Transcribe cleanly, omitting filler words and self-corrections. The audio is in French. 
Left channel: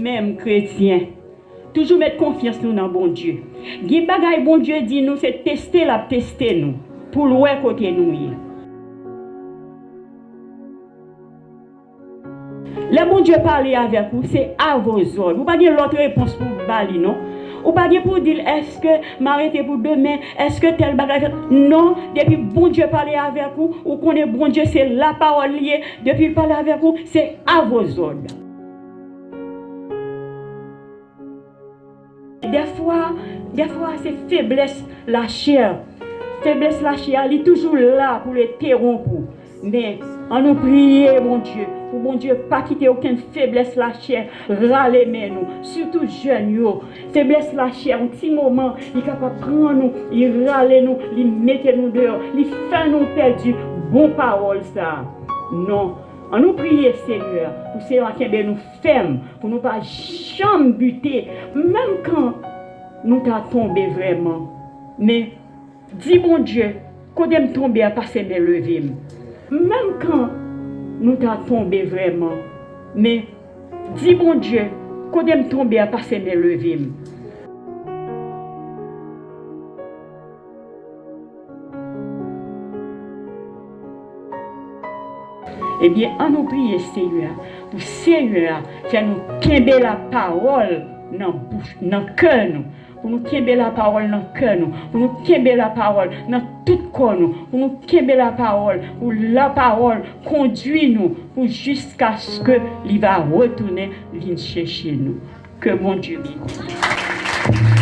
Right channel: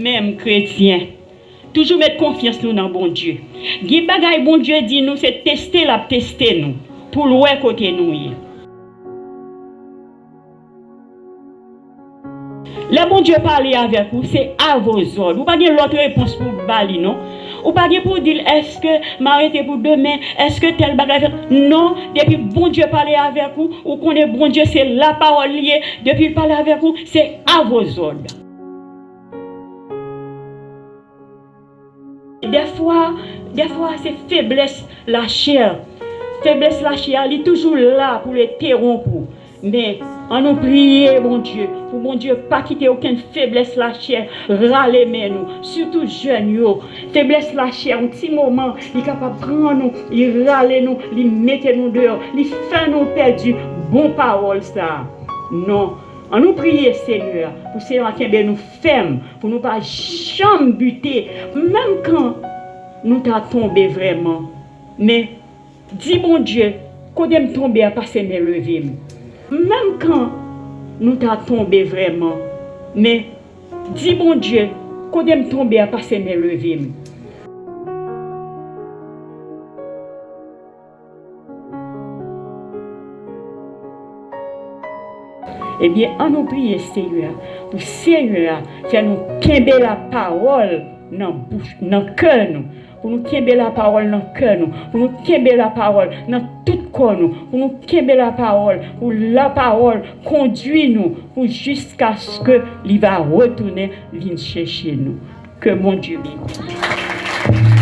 nous-mêmes chrétiens, toujours mettre confiance nous dans bon Dieu. Qui bagaille bon Dieu dit nous, c'est tester nous, pour le côté nous. Le bon Dieu parler avec vous, c'est à vos ordres. Vous n'avez pas l'autre réponse pour vous parler, non? Ou pas pour dire est-ce que m'arrêter pour demain, est-ce que tel bagage. Non, depuis bon Dieu parler avec vous, ou qu'on est bon Dieu, c'est la parole liée. Depuis il parler avec vous, c'est à vos ordres. Des fois c'est faiblesse la chair. Faiblesse la chair, elle est toujours là pour les terrompre. Mais on nous prie, mon Dieu, pour mon Dieu, pas quitter aucune faiblesse la chair, râler nous, surtout jeunes, yo. Faiblesse la chair, un petit moment, il est capable de prendre nous, il râler nous, il mettre nous dehors, il fait nous perdre, bon parole ça. Non, on nous prie, Seigneur, pour Seigneur qui nous ferme, pour nous pas jamais buter, même quand nous t'as tombé vraiment. Mais, dis mon Dieu, quand me tomber à passer mes levées. Même quand nous t'as tombé vraiment, mais dis mon Dieu, quand me tomber à passer mes levées. Eh bien, on nous prie, Seigneur, pour Seigneur, faire nous quimber la parole dans la bouche, dans le cœur, pour nous quimber la parole dans le cœur, pour nous quimber la parole dans tout le corps, pour nous quimber la parole, pour la parole conduit nous, pour jusqu'à ce que il va retourner, il chercher nous. Que mon Dieu bénisse.